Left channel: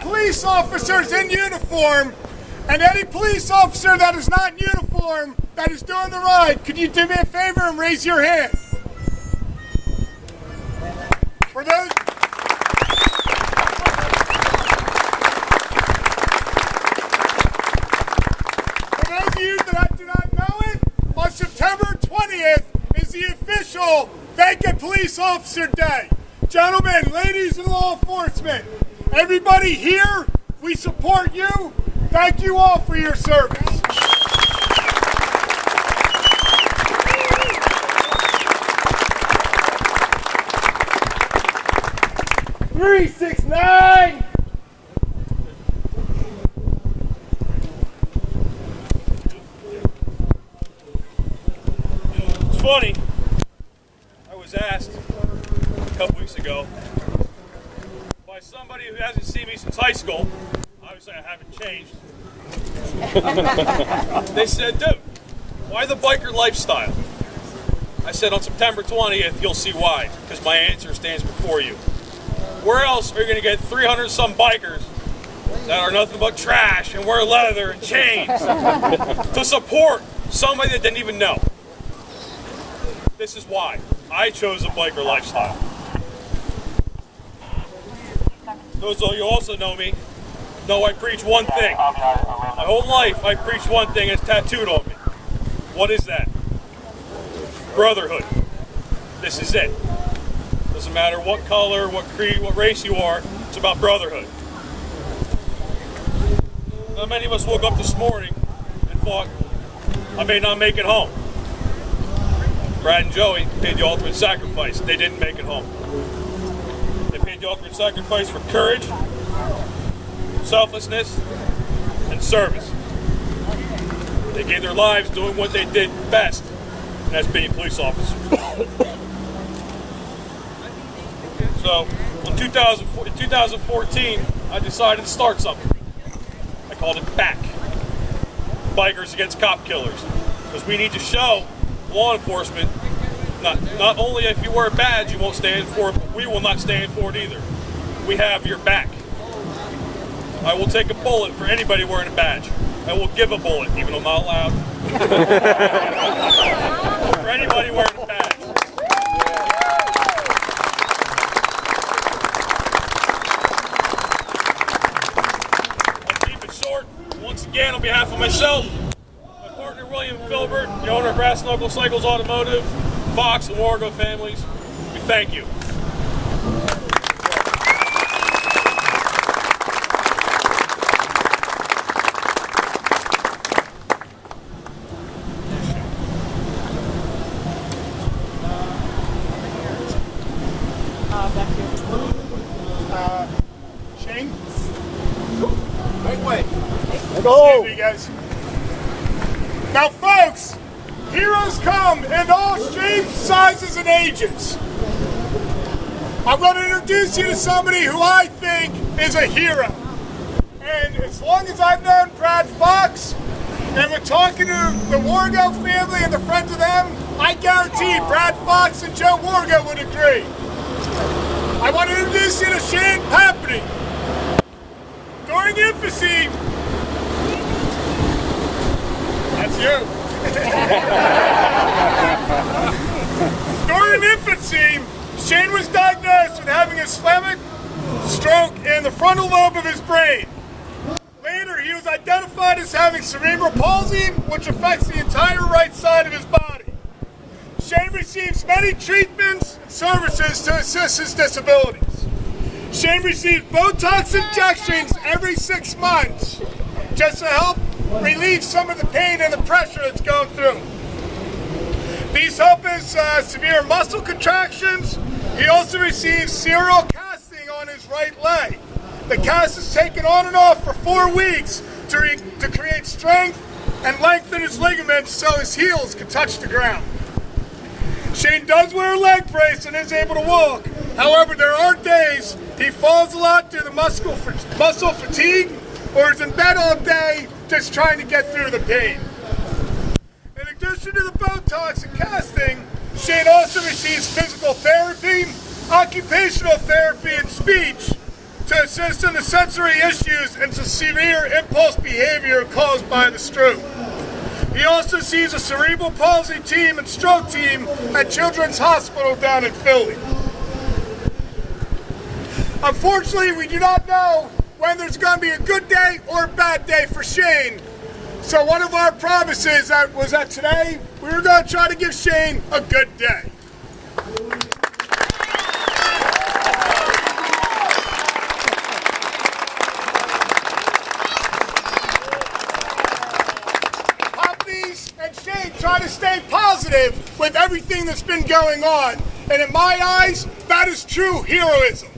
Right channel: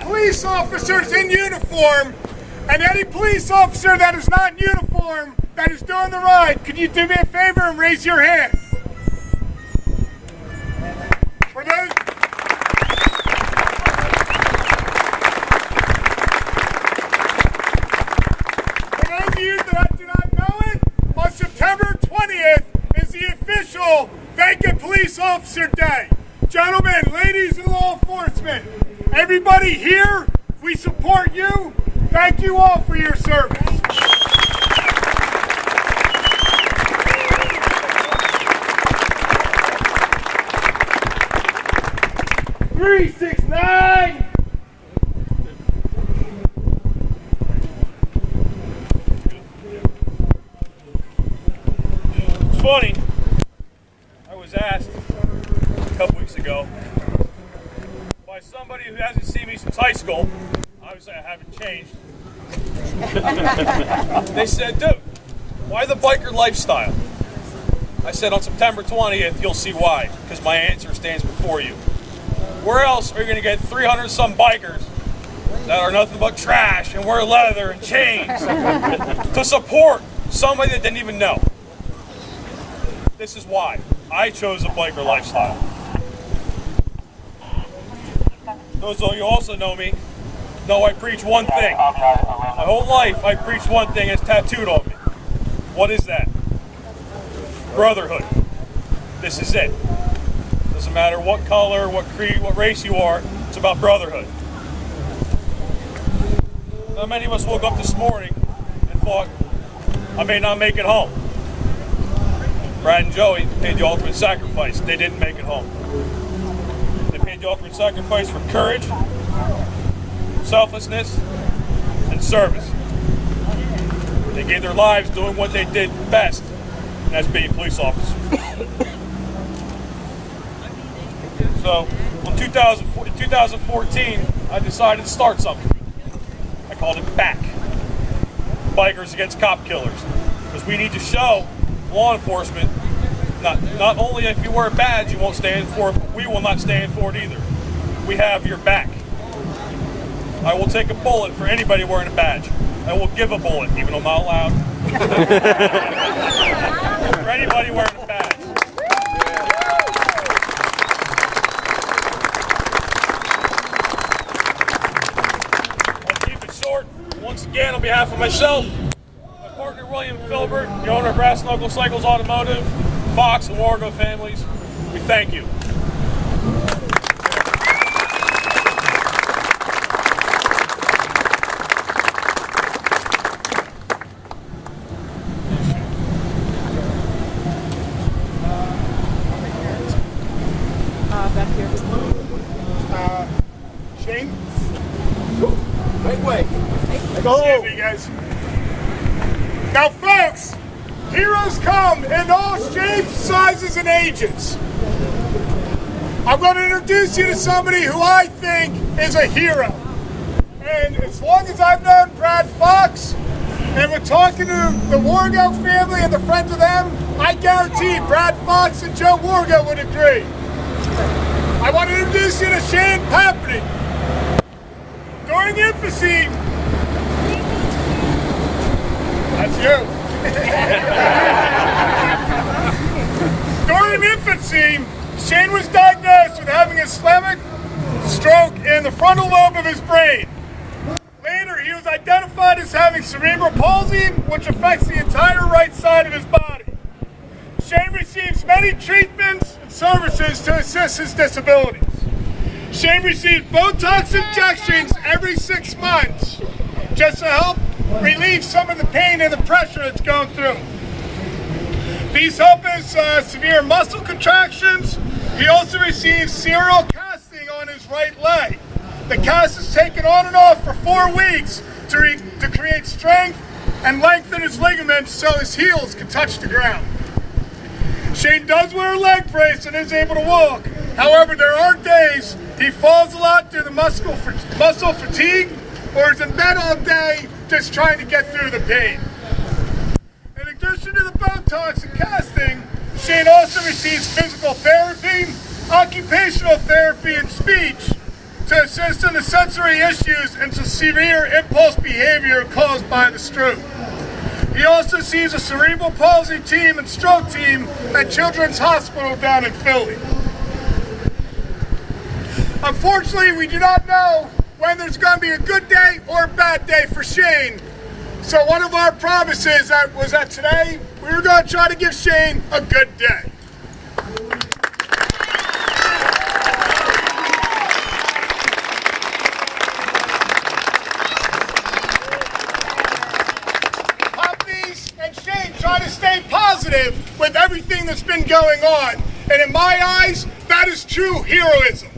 police officers in uniform, and any police officer that is not in uniform that is doing the ride, could you do me a favor and raise your hand? For those of you that do not know it, on September 20th is the official Thank a Police Officer Day. Gentlemen, ladies in law enforcement, everybody here, we support you. Thank you all for your service. Three, 6, 9. It's funny. I was asked a couple weeks ago by somebody who hasn't seen me since high school. Obviously, I haven't changed. They said, dude, why the biker lifestyle? I said, on September 20th, you'll see why, because my answer stands before you. Where else are you going to get 300-some bikers that are nothing but trash and wear leather and chains to support somebody that didn't even know? This is why I chose a biker lifestyle. Those of you who also know me know I preach one thing. My whole life I preach one thing, it's tattooed on me. What is that? Brotherhood. This is it. Doesn't matter what color, what creed, what race you are, it's about brotherhood. Now, many of us woke up this morning and thought, I may not make it home. Brad and Joey paid the ultimate sacrifice. They didn't make it home. They paid the ultimate sacrifice for courage, selflessness, and service. They gave their lives doing what they did best, and that's being police officers. So, in 2014, I decided to start something. I called it BACK. Bikers Against Cop Killers. Because we need to show law enforcement, not only if you wear a badge, you won't stand for it, we will not stand for it either. We have your back. I will take a bullet for anybody wearing a badge. I will give a bullet, even though I'm not allowed. For anybody wearing a badge. I'll keep it short. Once again, on behalf of myself, my partner William Filbert, the owner of Brass Knuckle Cycles Automotive, Fox and Wargo families, we thank you. Shane? Right way. Go. Excuse me, guys. Now, folks, heroes come in all shapes, sizes, and ages. I'm going to introduce you to somebody who I think is a hero. And as long as I've known Brad Fox, and we're talking to the Wargo family and the friends of them, I guarantee Brad Fox and Joe Wargo would agree. I want to introduce you to Shane Papney. During infancy, that's you. During infancy, Shane was diagnosed with having a ischemic stroke in the frontal lobe of his brain. Later, he was identified as having cerebral palsy, which affects the entire right side of his body. Shane receives many treatments and services to assist his disabilities. Shane receives Botox injections every 6 months just to help relieve some of the pain and the pressure it's going through. These help his severe muscle contractions. He also receives serial casting on his right leg. The cast is taken on and off for 4 weeks to create strength and lengthen his ligaments so his heels can touch the ground. Shane does wear a leg brace and is able to walk. However, there are days he falls a lot due to muscle fatigue or is in bed all day just trying to get through the pain. In addition to the Botox and casting, Shane also receives physical therapy, occupational therapy, and speech to assist in the sensory issues and some severe impulse behavior caused by the stroke. He also sees a cerebral palsy team and stroke team at Children's Hospital down in Philly. Unfortunately, we do not know when there's going to be a good day or a bad day for Shane. So one of our promises was that today we were going to try to give Shane a good day. Poppy's and Shane try to stay positive with everything that's been going on. And in my eyes, that is true heroism.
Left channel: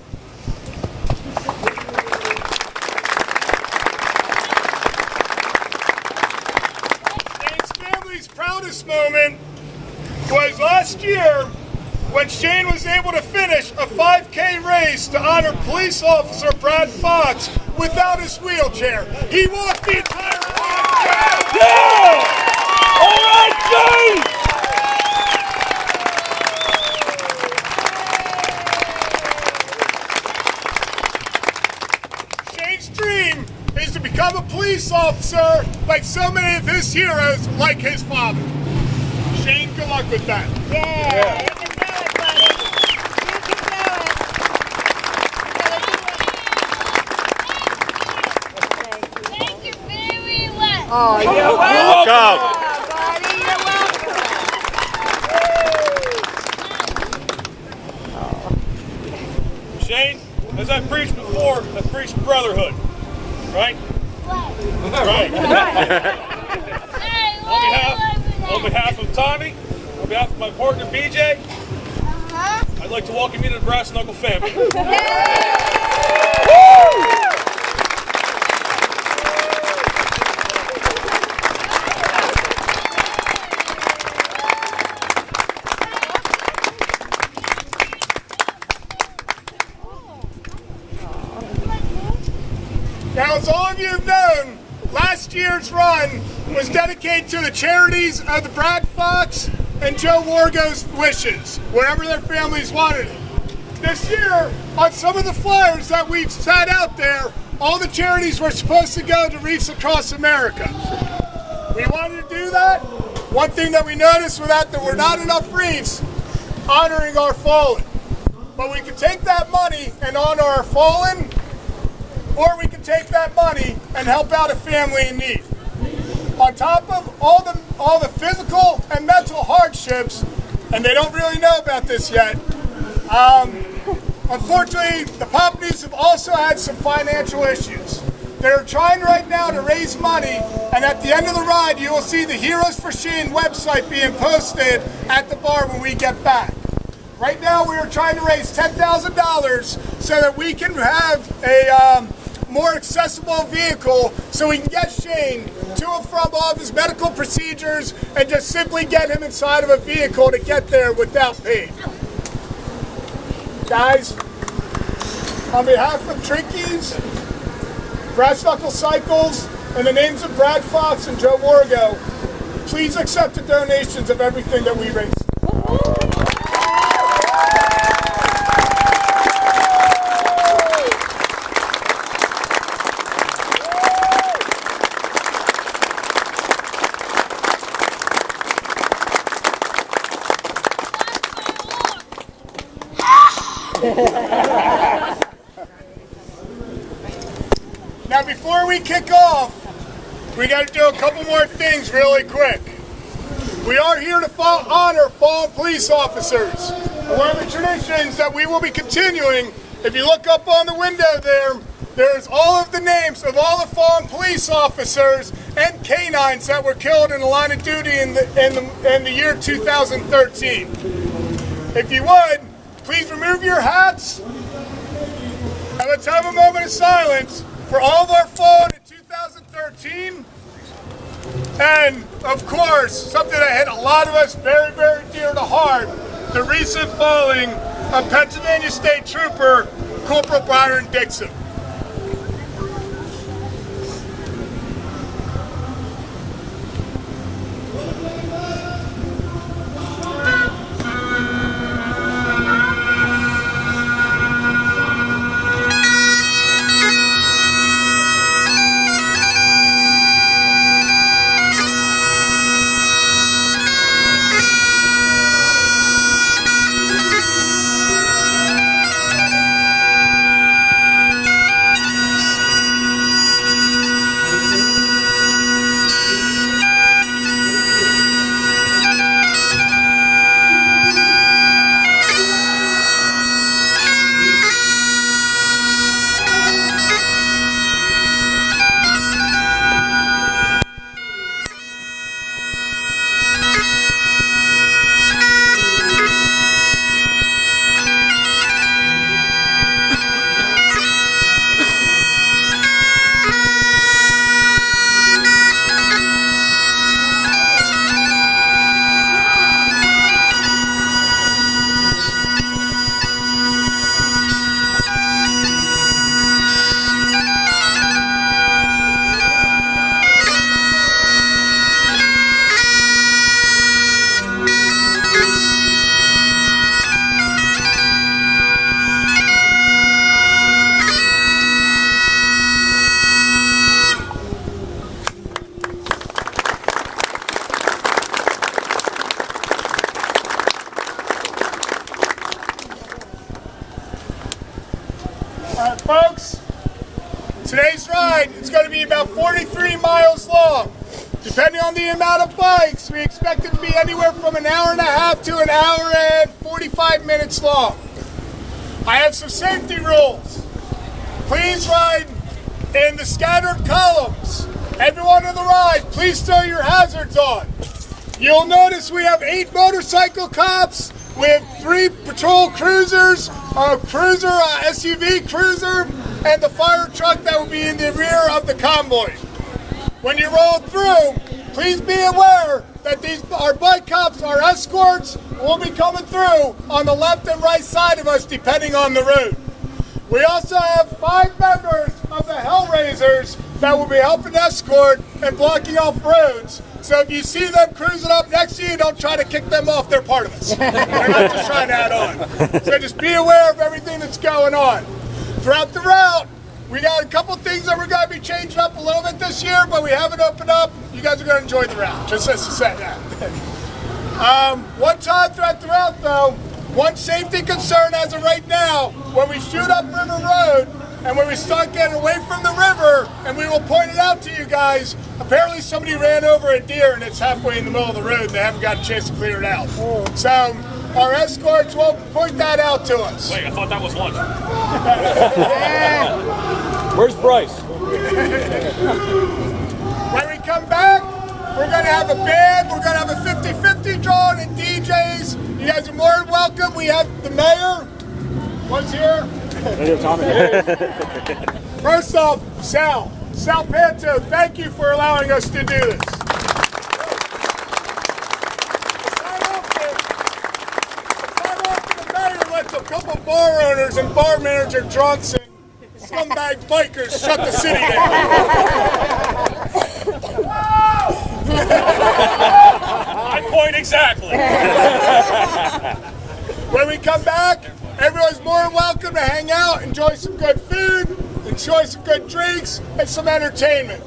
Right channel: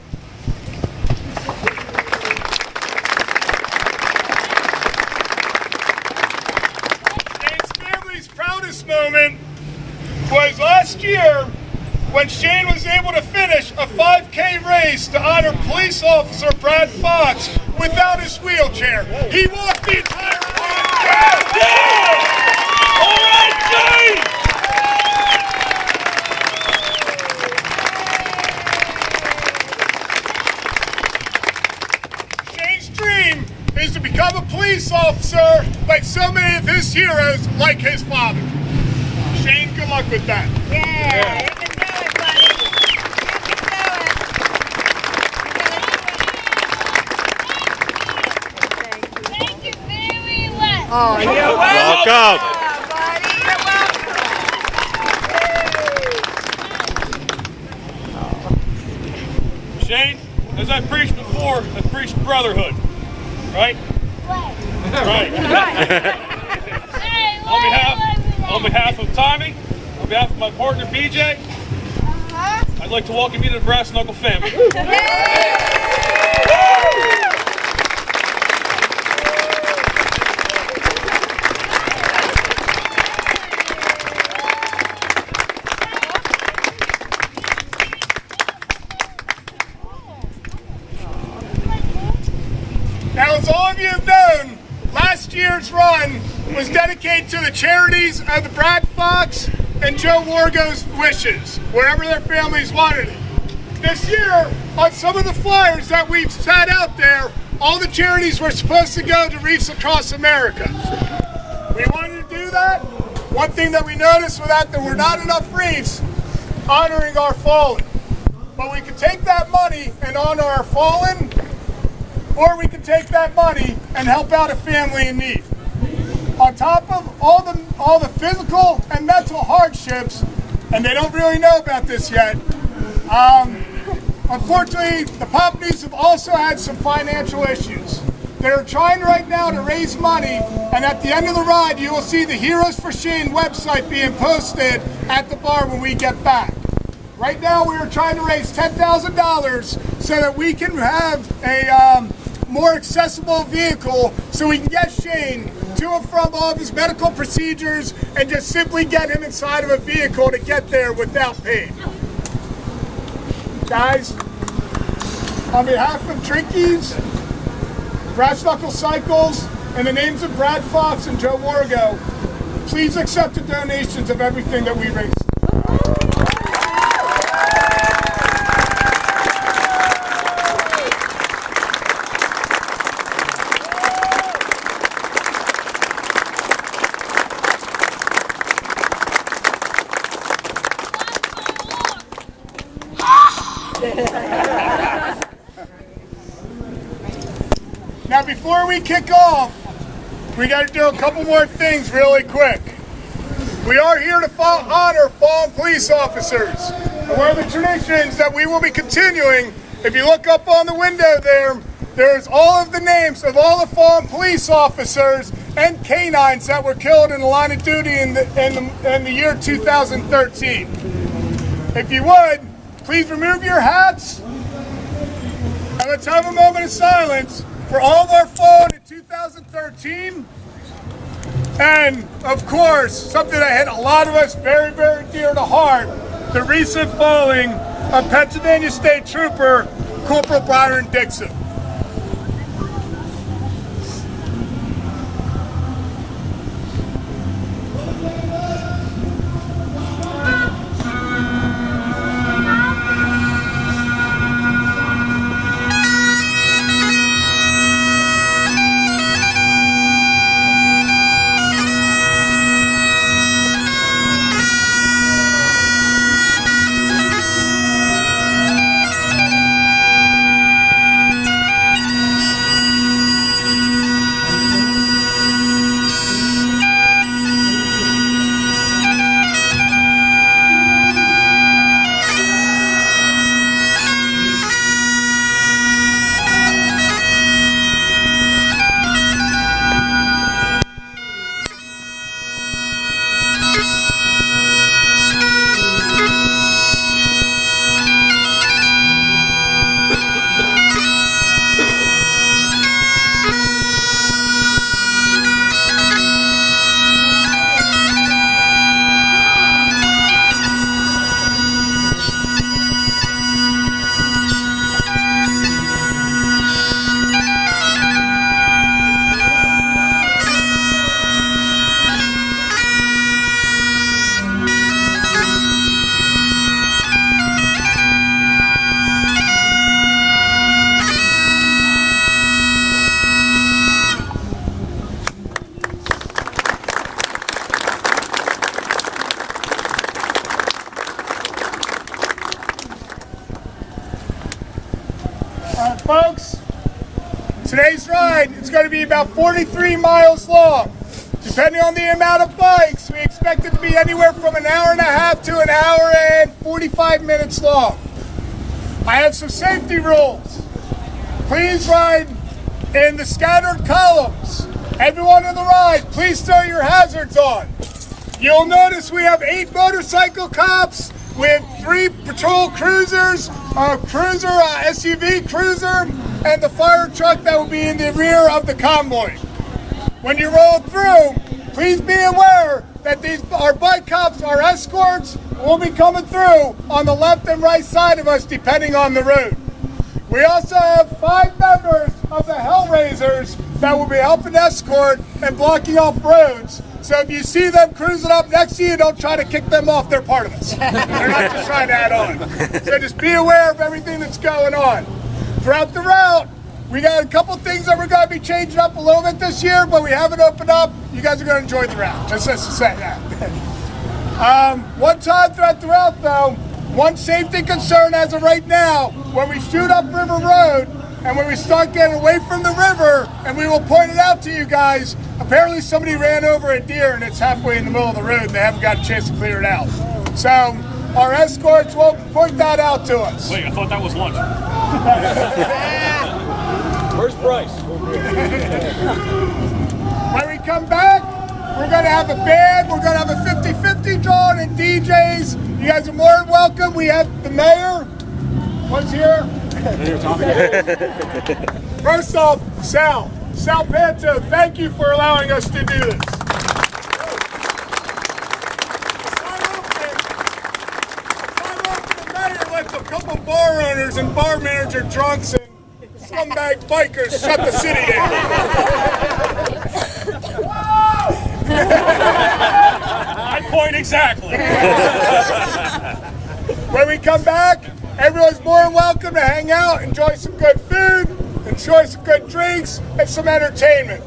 Moment was last year when Shane was able to finish a 5K race to honor police officer Brad Fox without his wheelchair. He walked the entire 5K. Yeah! All right, Shane! Shane's dream is to become a police officer like so many of his heroes, like his father. Shane, good luck with that. Yeah, you can do it, buddy. You can do it. Thank you very much. Oh, you're welcome. Buddy, you're welcome. Shane, as I preached before, I preached brotherhood, right? Right. On behalf of Tommy, on behalf of my partner BJ, I'd like to welcome you to the Brass Knuckle family. Now, as all of you have known, last year's run was dedicated to the charities of the Brad Fox and Joe Wargo's wishes, wherever their families wanted it. This year, on some of the flyers that we've set out there, all the charities were supposed to go to Reefs Across America. We wanted to do that. One thing that we noticed was that there were not enough reefs honoring our fallen. But we could take that money and honor our fallen, or we could take that money and help out a family in need. On top of all the physical and mental hardships, and they don't really know about this yet, unfortunately, the Popneys have also had some financial issues. They're trying right now to raise money, and at the end of the ride, you will see the Heroes for Shane website being posted at the bar when we get back. Right now, we are trying to raise $10,000 so that we can have a more accessible vehicle so we can get Shane to and from all of his medical procedures and just simply get him inside of a vehicle to get there without pain. Guys, on behalf of Trinkies, Brass Knuckle Cycles, and the names of Brad Fox and Joe Wargo, please accept the donations of everything that we raise. Now, before we kick off, we got to do a couple more things really quick. We are here to honor fallen police officers. And one of the traditions that we will be continuing, if you look up on the window there's all of the names of all the fallen police officers and canines that were killed in the line of duty in the year 2013. If you would, please remove your hats and let's have a moment of silence for all of our fallen in 2013. And of course, something that hit a lot of us very, very dear to heart, the recent falling of Pennsylvania State Trooper Corporal Byron Dixon. Today's ride is going to be about 43 miles long. Depending on the amount of bikes, we expect it to be anywhere from an hour and a half to an hour and 45 minutes long. I have some safety rules. Please ride in the scattered columns. Everyone on the ride, please throw your hazards on. You'll notice we have 8 motorcycle cops with 3 patrol cruisers, a cruiser, SUV cruiser, and the fire truck that will be in the rear of the convoy. When you roll through, please be aware that our bike cops, our escorts, will be coming through on the left and right side of us depending on the route. We also have 5 members of the Hellraisers that will be helping escort and blocking off roads. So if you see them cruising up next to you, don't try to kick them off. They're part of us. They're not just trying to add on. So just be aware of everything that's going on. Throughout the route, we got a couple things that we're going to be changing up a little bit this year, but we haven't opened up. You guys are going to enjoy the route, just as to say that. One time throughout the route, though, one safety concern as of right now, when we shoot up River Road and when we start getting away from the river, and we will point it out to you guys, apparently somebody ran over a deer and it's halfway in the middle of the road. They haven't got a chance to clear it out. So our escorts will point that out to us. Wait, I thought that was lunch. Where's Bryce? When we come back, we're going to have a band. We're going to have a 50-50 drawing and DJs. You guys are more than welcome. We have the mayor. What's here? First off, Sal Panto, thank you for allowing us to do this. The mayor lets a couple bar owners and bar manager drunks and scumbag bikers shut the city down. I point exactly. When we come back, everyone's more than welcome to hang out, enjoy some good food, enjoy some good drinks, and some entertainment.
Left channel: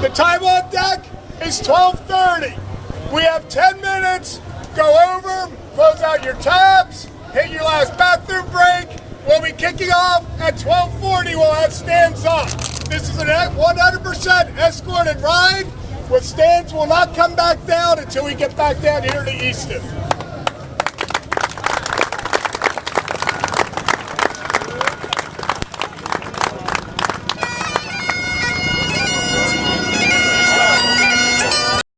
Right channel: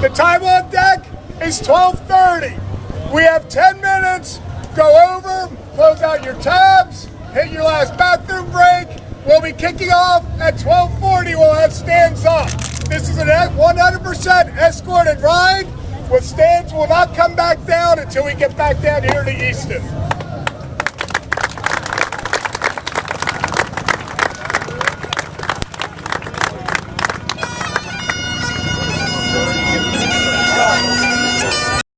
The time on deck is 12:30. We have 10 minutes. Go over, close out your tabs, hit your last bathroom break. We'll be kicking off at 12:40. We'll have stands up. This is a 100% escorted ride. With stands will not come back down until we get back down here to Easton.